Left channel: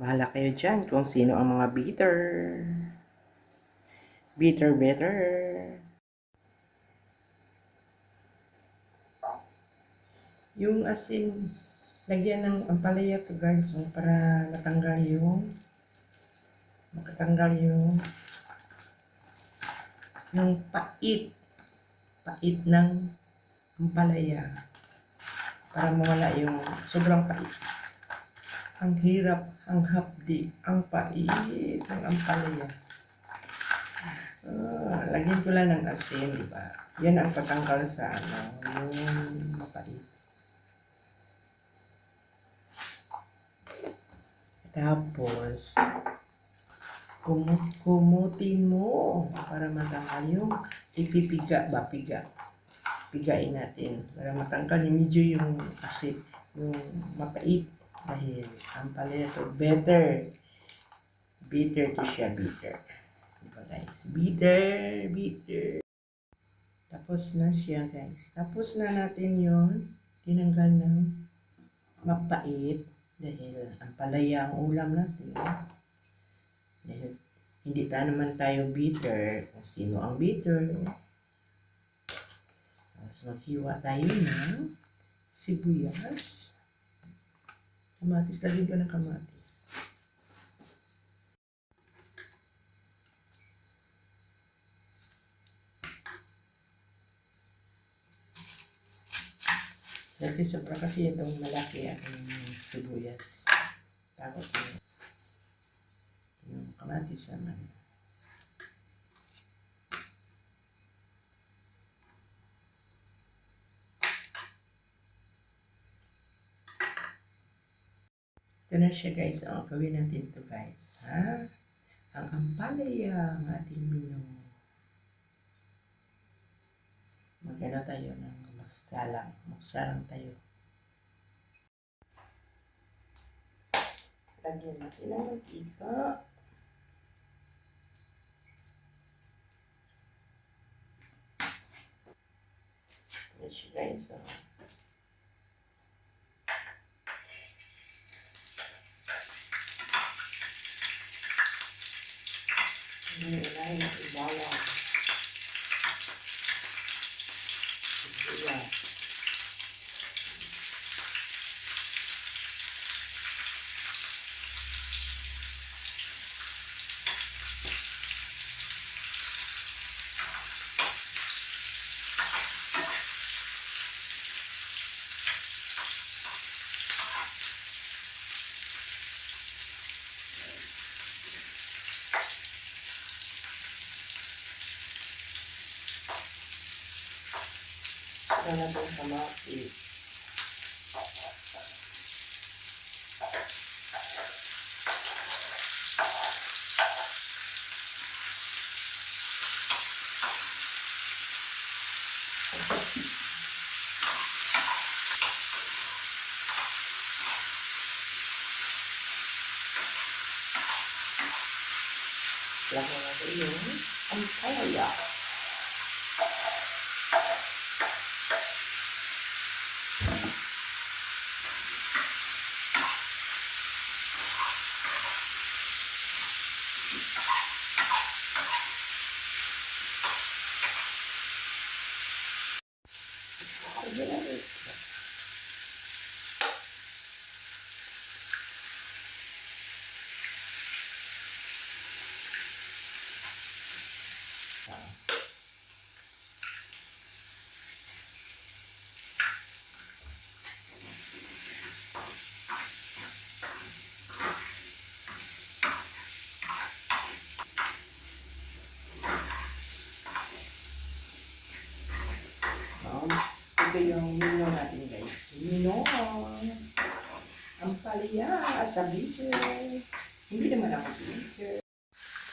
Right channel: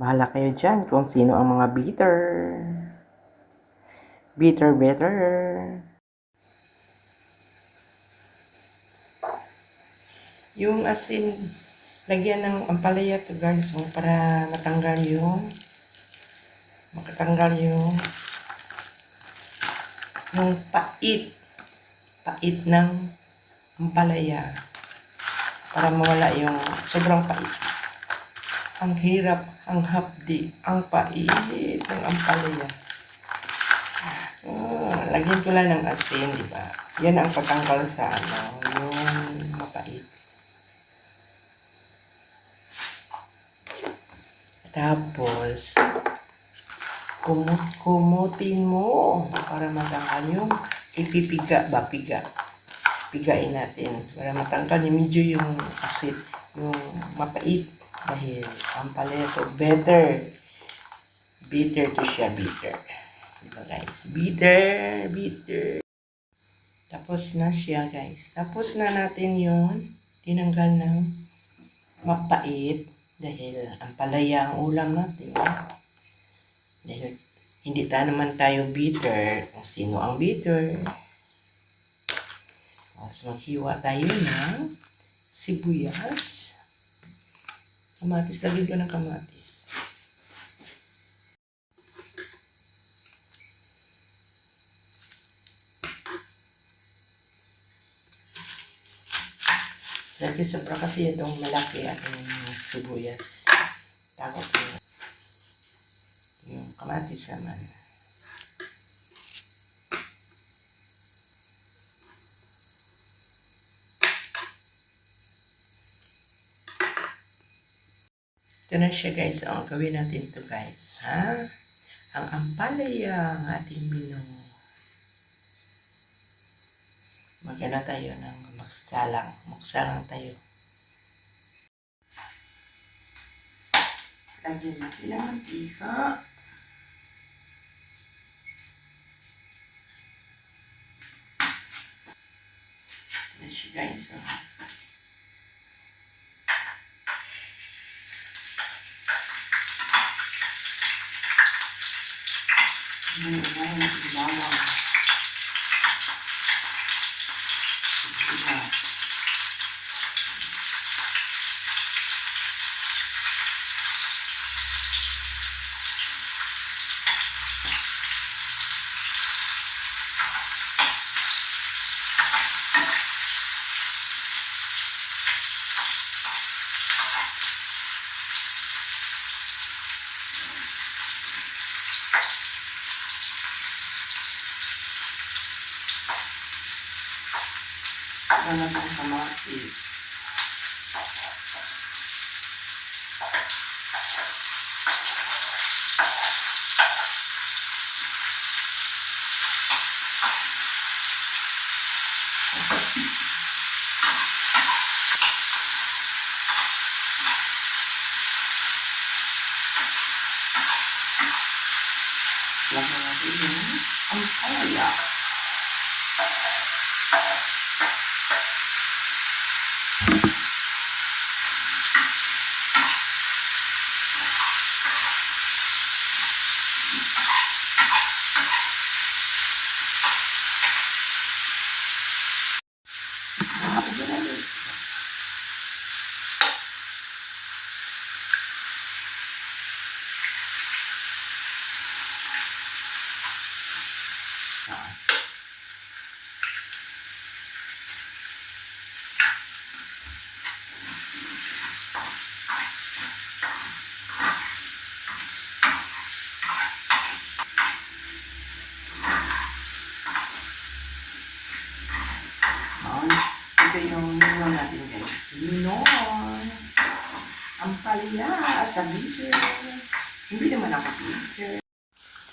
Bahala kayo dyan kung sino ang mga bitter. Bitter better. Yung asin, lagyan ng ampalaya to guys, para makatanggal yung pait ng ampalaya, para mawala yung sobrang pait. Ang hirap, ang hapdi, ang pait ng ampalaya. Lagyan ko lang ng asin, di ba? Yan ang patanggal sa yung mapait. Tapos, kumutin mo para matanggal yung ipipiga. Pigain natin para matanggal yung medyo yung asin, yung mapait. Dahil ang paleto, bitter to siya, bitter. Diba guys? Bitter. Tapos na siya guys. Tapos na natin yon tinanggal ng mapait. Dahil ang palaya ang ulam natin. Dahil hindi naman tayo bitter. Sino ang bitter? So, maghiwa tayo ng sibuyas. Kamatis. Lagyan ko ng kamatis. Lagi sobra kasi itong malaki ating sibuyas. Tapos yung kamatis naman. Ito na siya guys. Ang gawin natin ito guys. Ang ampalaya ang ating menu. Magana tayo ng magsalang tayo. Lagyan natin ng mantika. Ito na siya guys. Unahin natin bawang. Sibuyas. Ito na itong kamatis. Lagyan natin yung ampalaya. Ito yung mino natin guys. Mino. Ampalaya sa bitter. Hindi naman ako bitter.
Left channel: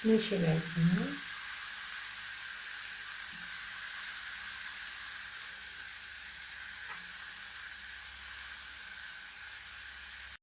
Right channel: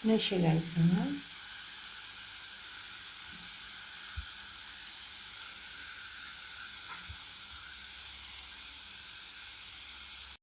Ano siya guys?